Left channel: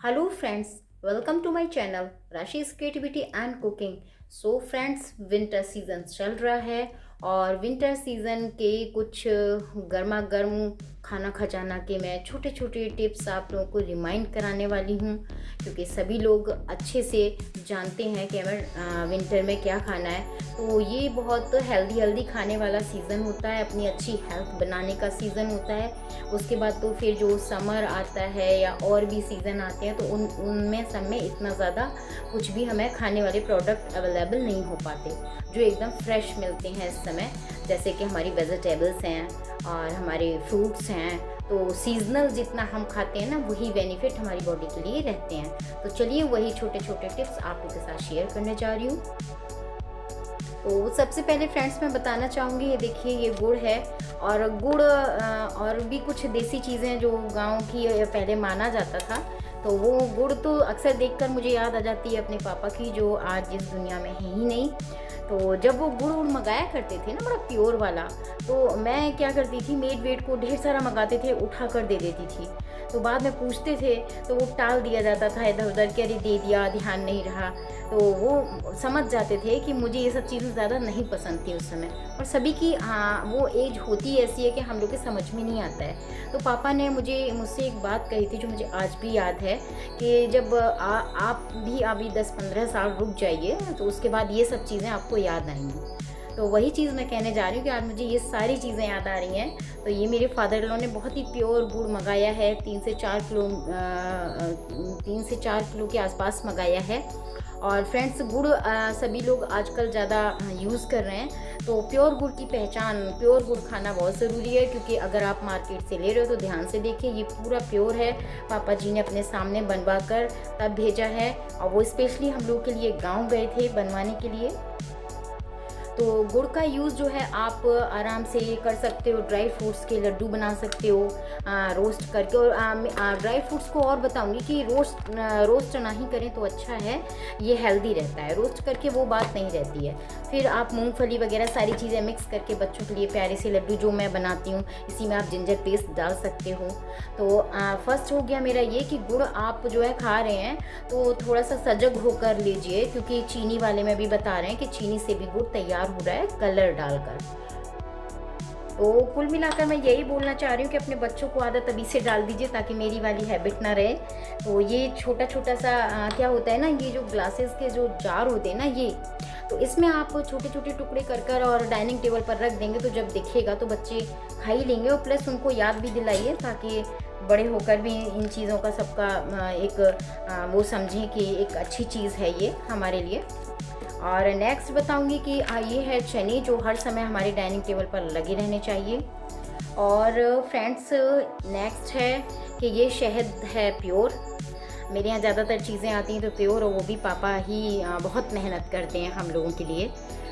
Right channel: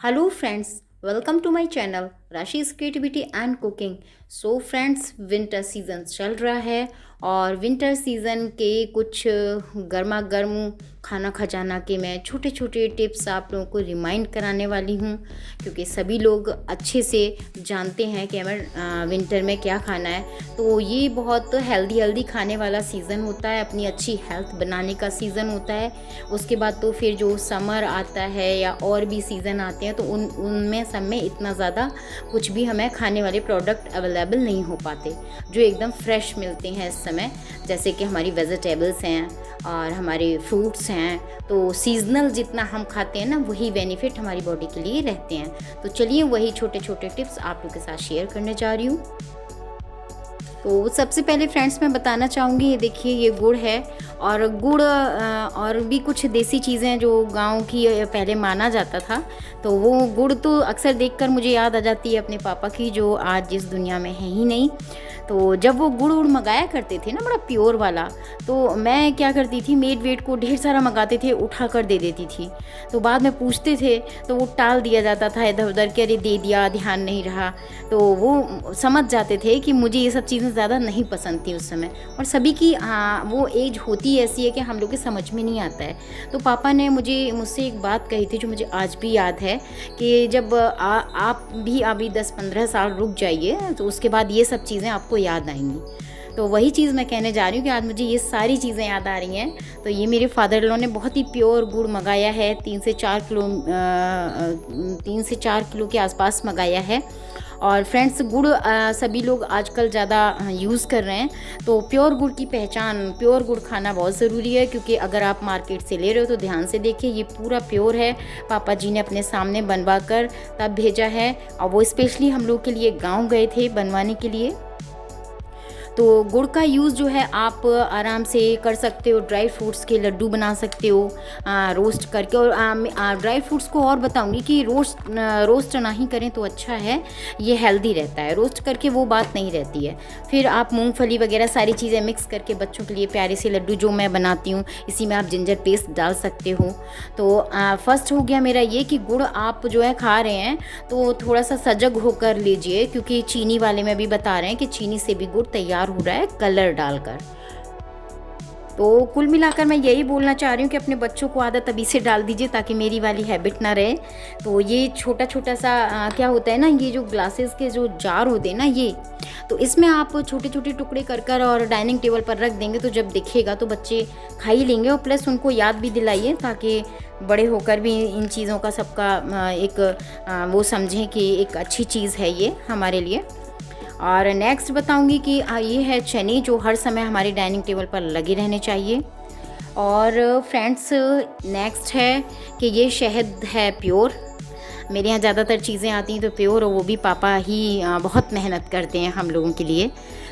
Hello friends, welcome to my channel Rashi's creativity and cooking. So friends, winter season चल रहा है और winter season के कुछ गर्मा गर्म खाना खजाना के मैं छोटे छोटे टिप्स आप लोगों को रिमाइंड कराने वाली हूँ, क्योंकि सभी लोग अच्छे से जानते हैं कि हमें विंटर में क्या खाना है। तो ये बहुत हेल्दी हेल्दी खाने वाला सीज़न होता है, अपनी अच्छी हेल्थ बनाने का सीज़न होता है। उसके बाद तो फिर जो समर आता है या और भी सीज़न आते हैं तो उनमें सब में इतना ज़्यादा कुछ भी हमें खाने वाले प्रोडक्ट अवेलेबल नहीं हो पाते जो एकदम फ्रेश मिलते हैं इस समय। जैसे कि हमारी वेजिटेबल्स हैं और हमारे फ्रूट्स हैं, तो सीजनल जितना हम खाते हैं ना वही बेनिफिट हमारी बॉडी के लिए रहते हैं। तो चलिए वही छोटे छोटे टिप्स आप लोगों के साथ शेयर करने जा रही हूँ। तो सबसे पहले फ्रेंड्स मैं बताना चाहूँगी, ये देखिए ये गुड़ है और गुड़ और भी कुछ देसी चीज़ें जो गांव की पहले माना जाता था। तो वो गुड़ तो अक्सर देखकर मुझे याद आ जाती है अपने पापा की, जो आज इस दुनिया में है ही नहीं। तो जब वो गुड़ उड़ मंगाया करते थे ना, बड़ा प्योर वाला, तो मैं क्या करती थी, मेड वेट को ढेर सारा मंगाते थे, उठा कर दे देती थी। तो बाद में पूछते थे तो वो टाल दिया जाता था इधर उधर कि अरे दे दिया, ध्यान नहीं रहा। तो वो समझ जाते थे कि मुझे ये सब चीज़ें ज़्यादा नहीं पसंद थी उस समय। और सभी की वो एज होती ऐसी है कि हम लोग के समझ में नहीं आता है। तो पापा ने मुझसे एक बात कही थी जो मुझे आज भी याद है, कि जब आप भी अभी 10-15 साल रुक जाइए तो उसके बाद ये सब चीज़ें आपको याद आएंगी। तो वही चीज़ मैं कहने जा रही हूँ कि आज मुझे ये सारी चीज़ें याद आ रही हैं। तो ये मेरे फादर इन लॉ ने बहुत ही प्योर गुड़ मंगाया है, 3 से 4 किलो के आसपास मंगाया है। और फ्रेंड्स, गुड़ सभी लोग आजकल ज़्यादा यूज़ कर रहे हैं। तो प्योर गुड़ की पहचान, प्योर गुड़ खाना बहुत ज़रूरी है, क्योंकि अगर आप मार्केट से ले रहे हो तो ध्यान से देखिए, ये पूरा प्योर है। पापा जी ने अपने सामने बनवा कर तब भेजा है, और वो स्पेशली हम लोग के लिए गांव गए थे बनवाने के लिए। तो गुड़ का यूज़ जो है आप आराम से कर सकते हो, ड्राई फ्रूट्स के लड्डू बना सकते हो रोस्ट करके। और ड्राई फ्रूट्स को और बताऊंगी कि रोस्ट ना ही करें तो अच्छा है, ये हेल्दी रहता है। रोस्ट करके वो बात नहीं रहती है। फिर आप मूंगफली वगैरह सारी चीज़ें मिक्स करके बच्चों के लिए प्यारे से लड्डू जो मैं बनाती हूँ, इसी में आप जिंजर पेस्ट डाल सकते हो। तो फर्स्ट हो गया मेरा ये कि गुड़ आप जो है खा रहे हैं तो थोड़ा सा सजग होकर लीजिए, क्योंकि चीनी वाले में भी बता रहे हैं कि चीनी से भी गुड़ तैयार हो रहा है कलर डालकर। तो कुल मिलाकर मैं यही बोलना चाह रही हूँ कि अपने बच्चों को आदत अभी से डाल दीजिए ताकि मेरी वाली हैबिट ना रहे। तो ये छोटा छोटा सा क्या होता है ना, ये जो ग्लासेस के जो जार होते हैं ना, ये तो इसमें आप छोटे छोटे टुकड़े कर कर और डाइनिंग टेबल पर रख देंगे तो जब दिखेगा तो बच्चे खा ही लेंगे। और प्लस उनको याद भी दिलाइए ताकि बड़े होकर भी इन चीज़ों का सबका एक वो समझें कि एक अच्छी चीज़ है ये हमारे लिए। और नेक्स्ट बताऊंगी कि ये है चने, जो हर समय हमारे डाइनिंग टेबल पर लगे रहने चाहिए। और फ्रेंड्स, नेक्स्ट है कि ये शहद है प्योर। मेरे यहाँ ज़्यादातर चीज़ें आती हैं तो प्योर, और वो भी पापा ही बहुत मेहनत करते हैं हम लोगों के लिए।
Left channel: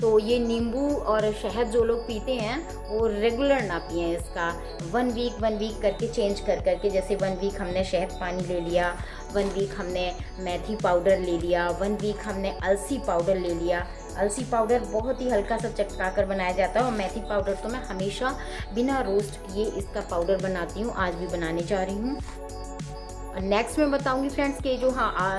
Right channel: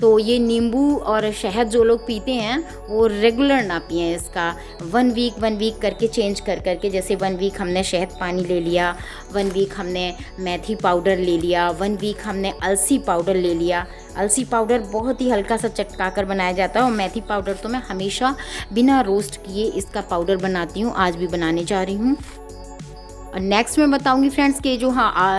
तो ये नींबू और शहद जो लोग पीते हैं वो रेगुलर ना पिएं इसका। 1 वीक करके चेंज कर करके, जैसे 1 वीक हमने शहद पानी ले लिया, 1 वीक हमने मेथी पाउडर ले लिया, 1 वीक हमने अलसी पाउडर ले लिया। अलसी पाउडर बहुत ही हल्का सा चटका कर बनाया जाता है, और मेथी पाउडर तो मैं हमेशा बिना रोस्ट किए इसका पाउडर बनाती हूँ, आज भी बनाने जा रही हूँ। और नेक्स्ट मैं बताऊंगी फ्रेंड्स कि जो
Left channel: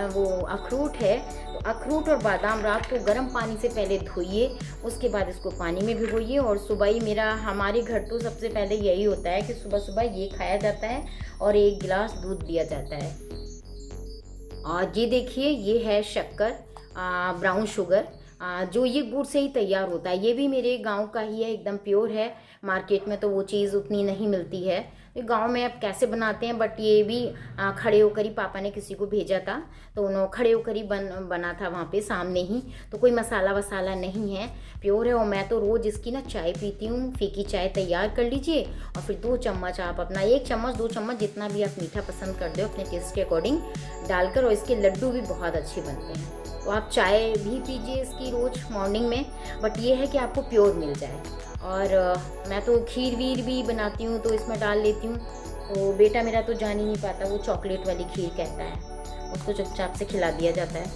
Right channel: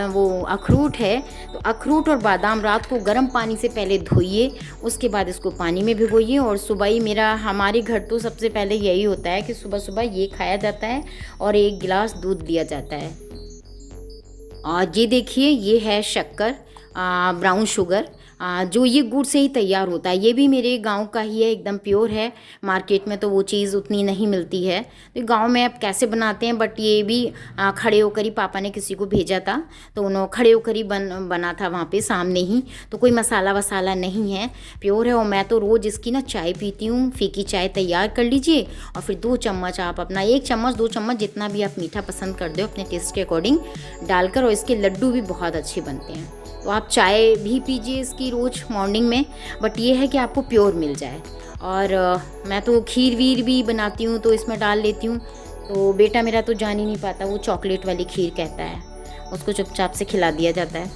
वो अखरोट है, तो अखरोट और बादाम रात को गर्म पानी से पहले धोइए, उसके बाद इसको पानी में भिगोइए, और सुबह ही हमारे घर तो सबसे पहले यही होता है कि सुबह सुबह ये खाया जाता है और 1 गिलास दूध दिया जाता है। और ये देखिए, ये है शक्कर, ब्राउन शुगर, जो ये गुड़ से ही तैयार होता है। ये भी मेरे गांव का ही है, एकदम प्योर है। मार्केट में तो वो चीज़ उतनी नहीं मिलती है, तो गांव में अब कैसे बनाते हैं, बट ये भी खड़े होकर ही पापा ने किसी को भेजा था, तो उन्होंने खड़े होकर ही बना था वहाँ पे सामने ही। तो कोई मसाला वसाला नहीं है, प्योर है। और मैं तो रोज़ इसकी ना चाय पीती हूँ, फीकी चाय तैयार कर लीजिए, और फिर 2 चम्मच आप अपना 1 चम्मच 2 चम्मच जितना भी आप मीठा पसंद कर दो अपने टेस्ट के अकॉर्डिंग डालकर, और इसके लड्डू भी बहुत अच्छे बनते हैं। तो आप चाय भी पीजिए इसकी रोज़ मॉर्निंग में, बट ये है कि आपको प्योर मिल जाए। और मैं तो खीर वीर भी बनाती हूँ तो इसमें डाल लेती हूँ। तो बेटा मेरा तो जान ही नहीं पाता, वो चॉकलेट वाली खीर कहता है, उसको चुपचाप से खिला दिया जाता है।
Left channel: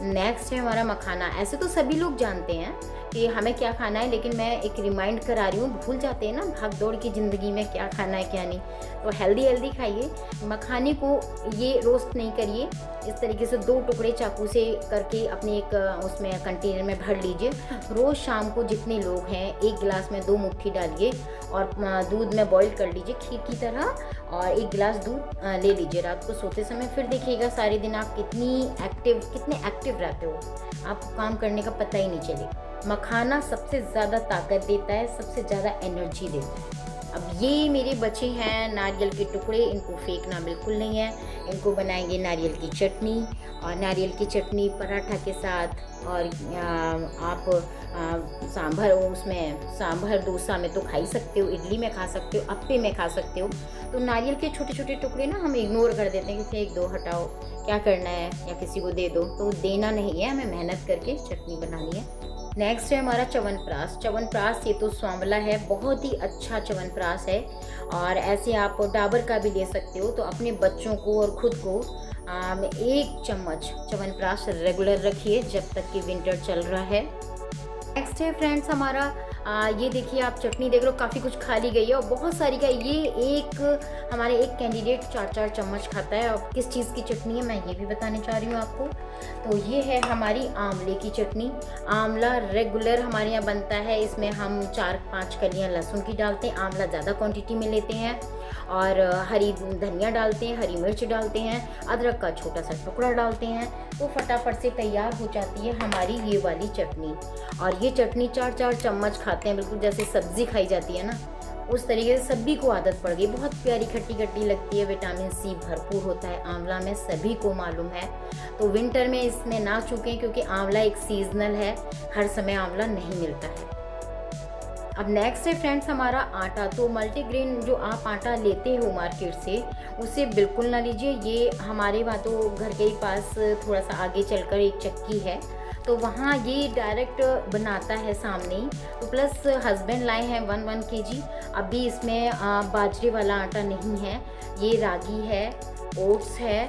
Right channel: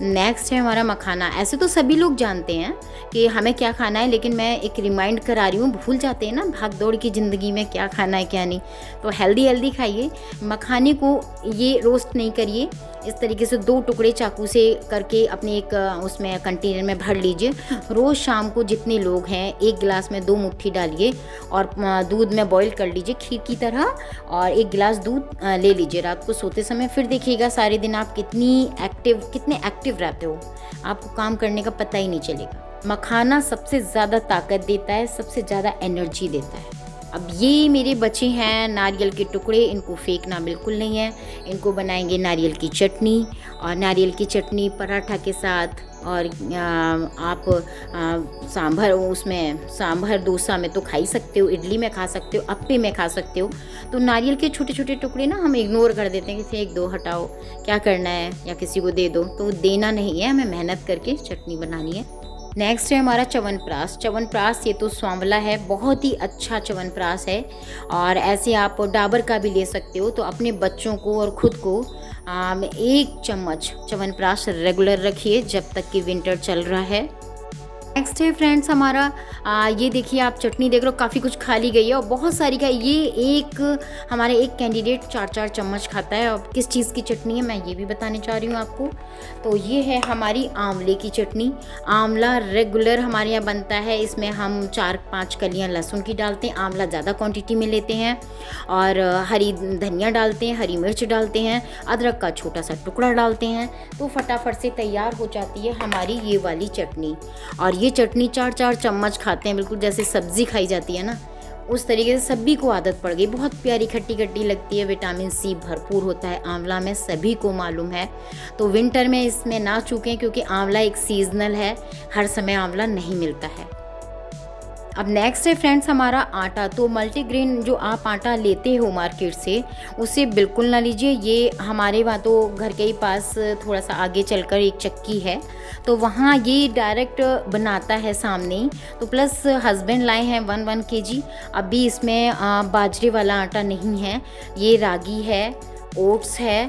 नेक्स्ट है हमारा मखाना। ऐसे तो सभी लोग जानते हैं कि हमें क्या खाना है, लेकिन मैं एक रिमाइंड करा रही हूँ, भूल जाते हैं ना भाग दौड़ की ज़िंदगी में क्या खाना है क्या नहीं। तो हेल्दी हेल्दी खाइए। मखाने को ये रोस्ट नहीं करिए, इस तरीके से 2 टुकड़े चाकू से करके अपने एक उसमें कंटेनर में भर लीजिए। रोज़ शाम को जितने लोग हैं 1 गिलास में 2 मुट्ठी डालिए और दूध में बॉईल कर लीजिए खीर की तरह, और 1 गिलास दूध ले लीजिए रात को सोते समय। फिर देखिएगा सारे दिन आप कितने एक्टिव रहते हो, आपको काम करने का पता ही नहीं चलेगा। मखाना सबसे ज़्यादा ताकत देता है, सबसे ज़्यादा एनर्जी देता है। अब ये मेरे बचे हैं नारियल के टुकड़े, इनको फेंकना बिल्कुल नहीं है। इनको बनाएंगे नारियल की चटनी, और नारियल की चटनी पराठा के साथ, और आप सांभर, उसमें सांभर डोसा में तो खा ही सकते हो, इडली में खा सकते हो, अप्पे में खा सकते हो। तो नारियल के छोटे छोटे टुकड़े ना हम इग्नोर कर देते हैं कि फेंक दो, हटाओ, क्या करना है, या किसी को दे दो। तो देना नहीं है, हमें मेहनत करके चटनी बनानी है। नेक्स्ट है हमारा च्यवनप्राश। च्यवनप्राश ये तो स्वांवला है, बहुत ही अच्छा च्यवनप्राश है, और ऐसे आप डाबर का भी ले सकते हो। तो अपने बच्चों को और खुद को 1 चम्मच च्यवनप्राश रेगुलर रखिए जब तक कि विंटर चल रहा है। नेक्स्ट है फ्रेंड्स हमारा ये देखिए, आप चटनी देख रहे हो, काफ़ी कुछ खा ली गई है और बहुत सारी का। ये हमारे एक कैंडिडेट 4-4 चम्मच खाता है। अब किस चीज़ की चटनी है मैं ये भी बताने चाह रही हूँ आपको। तो ये है हमारी आंवले की चटनी। आंवला रेगुलर हमारे यहाँ बनता है, इसमें हम 4-5 कलियाँ लहसुन की डालते हैं, आंवला ज़्यादा क्वांटिटी में लेते हैं, और हरी धनिया डालते हैं, हरी मिर्च डालते हैं, अदरक का छोटा सा टुकड़ा डालते हैं। तो फटाफट से तैयार हो जाती है हमारी ये वाली चटनी। और ये चटनी 4-4 चम्मच खाते हैं, बिल्कुल जैसे सब्ज़ी खाई जाती है ना, उस तरीके से सभी को आदत पड़ गई। बहुत प्यारी खट्टी खट्टी लगती है, विटामिन सी भरपूर होता है आंवला में, सभी को मालूम है। तो विंटर में इसमें ना चूकें, क्योंकि आंवला एक सीजनल है, हर समय आंवला नहीं मिलता है। अब नेक्स्ट है फ्रेंड्स हमारा आटा। तो मल्टीग्रेन जो आप आटा लेते हो मार्केट से, उसे बिल्कुल ना लीजिए। ये हमारे वहाँ तो घर के ही पास थोड़ा सा आगे चलकर एक चक्की है, तो वहाँ ये डायरेक्ट बनाता है सामने ही। तो प्लस हस्बैंड लाए हैं 1 kg। अभी इसमें बाजरे वाला आटा नहीं है, ये रागी है, ओट्स है,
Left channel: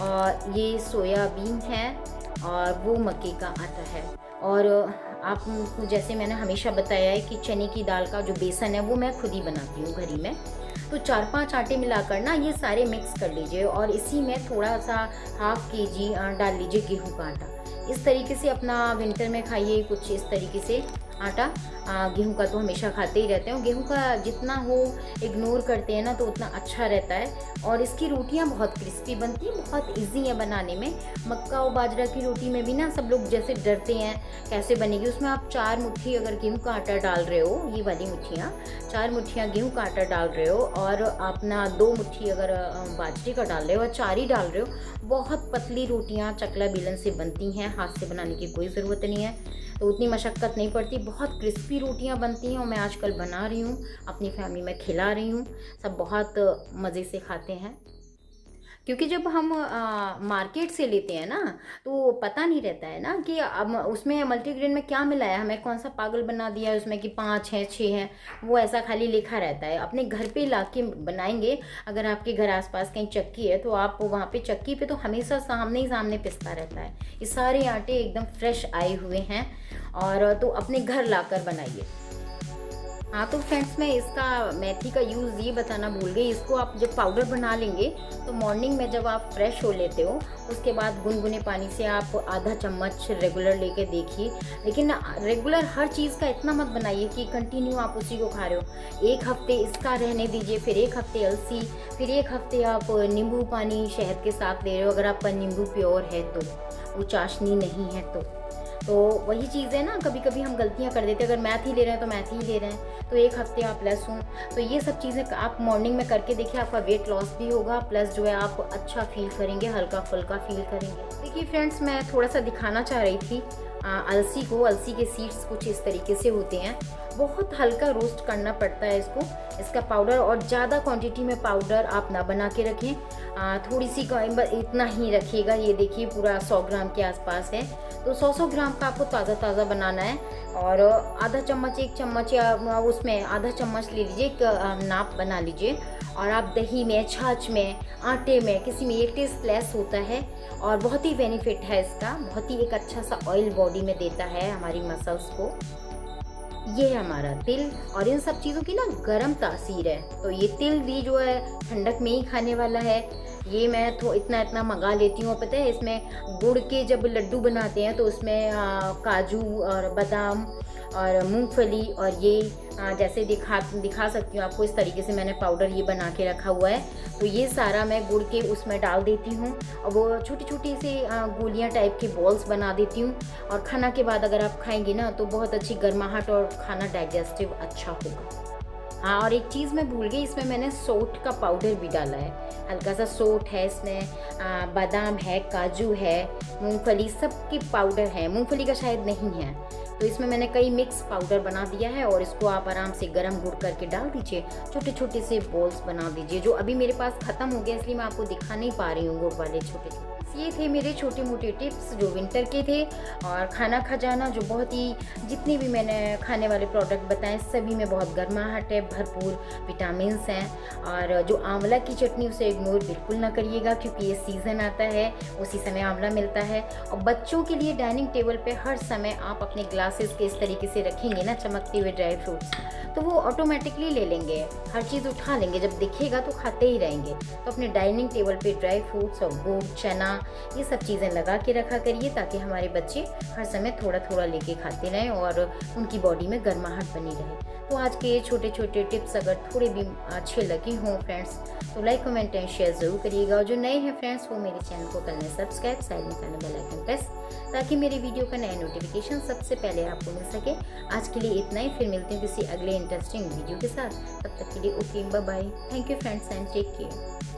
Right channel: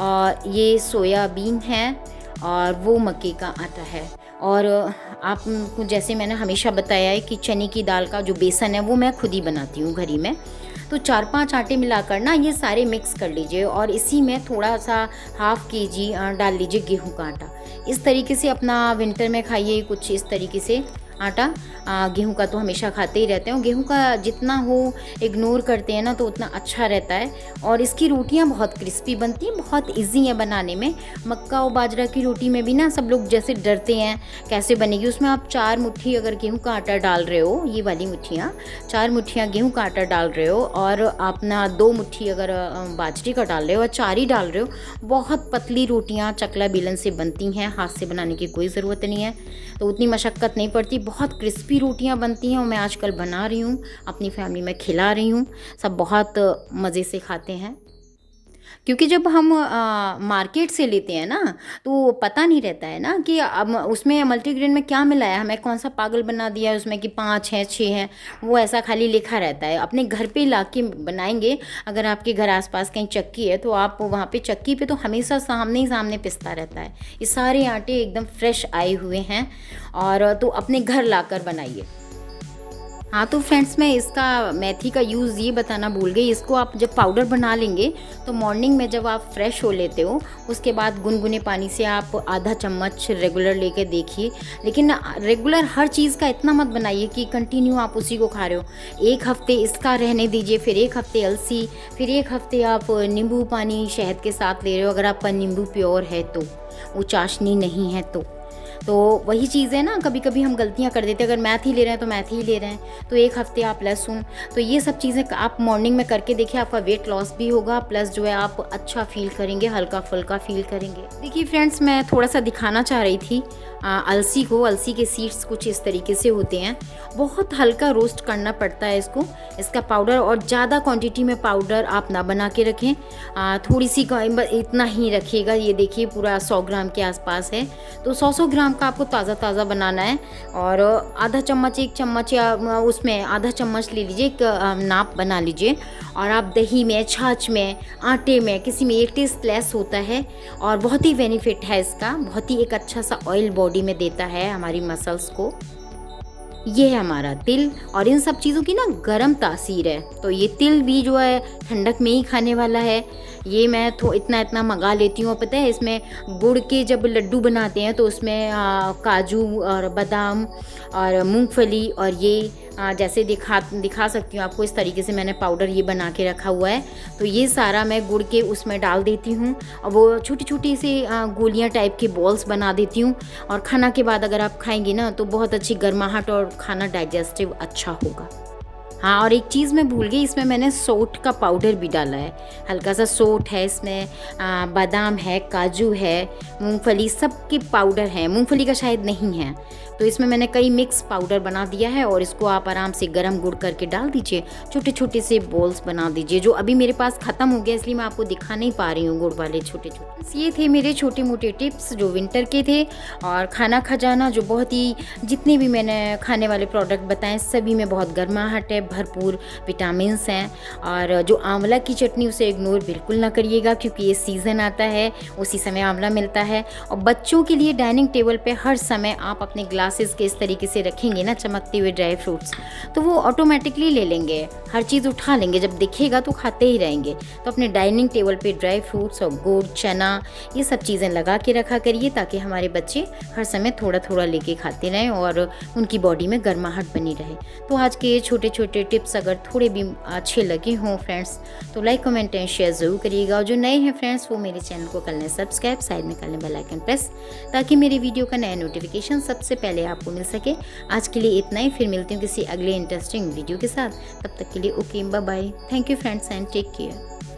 और ये सोयाबीन है, और वो मक्के का आटा है। और आपको जैसे मैंने हमेशा बताया है कि चने की दाल का जो बेसन है वो मैं खुद ही बनाती हूँ घर ही में। तो 4-5 आटे मिलाकर ना ये सारे मिक्स कर लीजिए, और इसी में थोड़ा सा 1/2 kg डाल लीजिए गेहूं का आटा। इस तरीके से अपना विंटर में खाइए कुछ इस तरीके से आटा। गेहूं का तो हमेशा खाते ही रहते हैं, गेहूं का जितना हो इग्नोर करते हैं ना तो उतना अच्छा रहता है। और इसकी रोटियां बहुत क्रिस्पी बनती हैं, बहुत इजी है बनाने में। मक्का और बाजरा की रोटी में भी ना सब लोग जैसे डरते हैं कैसे बनेगी, उसमें आप 4 मुट्ठी अगर गेहूं का आटा डाल रहे हो, ये वाली मुट्ठियाँ 4 मुट्ठियाँ गेहूं का आटा डाल रहे हो, और अपना 2 मुट्ठी अगर बाजरे का डाल रहे हो, और 4 ही डाल रहे हो, बहुत पतली रोटियाँ चकला बेलन से बनती हैं, हाथ से बनाने की कोई ज़रूरत नहीं है। तो उतनी मशक्क़त नहीं पड़ती, बहुत क्रिस्पी रोटियां बनती हैं, और मैं आजकल बना रही हूँ, अपनी फैमिली में खिला रही हूँ, सब बहुत मज़े से खाते हैं। क्योंकि जब हम मार्केट से लेते हैं ना, तो पता नहीं रहता है ना कि अब उसमें मल्टीग्रेन में क्या मिला है, हमें कौन सा पागल बना दिया है उसमें कि 5 हैं 6 हैं, वो ऐसा खाली लिखा रहता है। अपने घर पे ला के बनाएंगे, अगर आपके घर आसपास कहीं चक्की है तो आप वहाँ पे चक्की पे तो हमेशा सामने ही सामने पिसता रहता है। ये सारे आटे एकदम फ्रेश आए हुए हैं, और तो अपने घर लाकर बनाइए। हाँ तो फ्रेंड्स, मैं इसका मेथी का यूज़ ये बताना भूल गई। इसको आप जब पाउडर बना लेंगे तो मॉर्निंग में जब आप फ्रेश हो लेते हो, उसके बाद गुनगुने पानी से आप आधा चम्मच रेगुलर लेके देखिए। लेकिन रेगुलर हर चीज़ का इतना मत बनाइए कि कंटिन्यू आप उसी को खा रहे हो। 1 हफ्ते इसका रहने दीजिए, फिर 1 हफ्ते अलसी, फिर 1 हफ्ते आप नींबू पानी शहद के साथ ले रहे हो, अगर आपका नींबू प्योर है तो, वो चाशनी नहीं है तो वही चीज़ है ना, कभी कभी हम गलतियाँ कर देते हैं। अगर मेथी ले रहे हैं तो मेथी ही ले रहे हैं, तो 1 हफ्ते आप लहसुन। तो ये सब चीज़ें आप मॉर्निंग में करके देखिए, आपका वेट लॉस भी होगा, प्लस जो है आप अच्छा फील करेंगे, हल्का फुल्का फील करेंगे। देखिए फ्रेंड्स, मैं थोड़ा सा दिखाना चाह रही थी अलसी के सीड्स कुछ इस तरीके से होते हैं। बहुत हल्का रोस्ट करना पड़ता है इसको, इसका पाउडर, और ज़्यादा क्वांटिटी में पाउडर आप ना बना के रखें, थोड़ी सी इतना ही रखिएगा। ये देखिए पूरा 100 ग्राम के आसपास है, तो 100 ग्राम का आपको ताज़ा ताज़ा बनाना है। और आधा चम्मच, 1 चम्मच या उसमें आधा चम्मच ले लीजिए, एक नाप बना लीजिए। और आप दही में, छाछ में, आटे में, किसी में ये टेस्टलेस होता है और बहुत ही बेनिफिट है इसका, बहुत ही एक अच्छा सा ऑयल बॉडी में देता है हमारी मसल्स को। ये है हमारा तिल, और इन सब चीज़ों की ना गरम तासीर है, तो ये तिल भी जो है ठंडक में ही खाने वाला है। ये मैं इतना इतना मंगा लेती हूँ। पता है इसमें गुड़ के जब लड्डू बनाते हैं तो उसमें काजू और बादाम और मूंगफली, और ये जैसे दिखा सकती हूँ आपको, इस तरीके से मैंने पाउडर ये बना के रखा हुआ है। तो ये सारा मैं गुड़ के उसमें डाल देती हूँ और वो छोटी छोटी सी गोलियाँ टाइप के बॉल्स बना देती हूँ। और खाना के बाद अगर आप खाएंगे ना तो बहुत अच्छी गर्माहट और खाना डाइजेस्टिव अच्छा होगा। हाँ, और एक चीज़ मैं भूल गई, इसमें मैंने सोंठ का पाउडर भी डाला है, हल्का सा सोंठ है इसमें, बादाम है, काजू है, मूंगफली, सब के पाउडर है, मूंगफली का शायद नहीं है। तो इसमें मैंने कई मिक्स पाउडर बना दिया है, और इसको आप आराम से गरम गुड़ करके डाल दीजिए, छोटे छोटे से बॉल्स बना दीजिए। जो अभी मेरे पास ख़त्म हो गया इसलिए मैं आपको दिखा नहीं पा रही हूँ गुड़ वाले छोटे छोटे। ये थे मेरे छोटे मोटे टिप्स जो विंटर के थे। और खाना खजाना जो बहुत ही, जितने भी मैंने खाने वाले प्रोडक्ट बताएं सभी में बहुत गर्माहट है, भरपूर विटामिन्स हैं। और जो आंवला की चटनी उसे इग्नोर बिल्कुल ना करिएगा, क्योंकि ये सीज़न आता है, उसी समय आंवला मिलता है। और बच्चों के लिए डाइनिंग टेबल पे हर समय आप अपने ग्लासेस के इस तरीके से रखेंगे ना, चमकते हुए ड्राई फ्रूट्स, तो वो ऑटोमेटिकली ले लेंगे, हर चीज़ उठा लेंगे, जब दिखेगा तो खाते ही रहेंगे। तो अपने डाइनिंग टेबल पे ड्राई फ्रूट्स और गुड़, चना, ये सब चीज़ें लगा के रखा करिए, ताकि हमारे बच्चे हर समय थोड़ा थोड़ा लेके खाते रहें और उनकी बॉडी में गर्माहट बनी रहे। तो आज के ये छोटे छोटे टिप्स अगर थोड़े भी अच्छे लगे हों फ्रेंड्स, तो लाइक, कमेंट एंड शेयर ज़रूर करिएगा। और जो नए हैं फ्रेंड्स वो मेरे चैनल को कर लें सब्सक्राइब, साइड में कर लें बेल आइकन प्रेस, ताकि मेरी वीडियो का नया नोटिफिकेशन सबसे पहले आपको मिल सके। आज के लिए इतना ही, फिर मिलती हूँ किसी अगले इंटरेस्टिंग वीडियो के साथ। तब तक के लिए okay, bye bye, thank you friends and take care.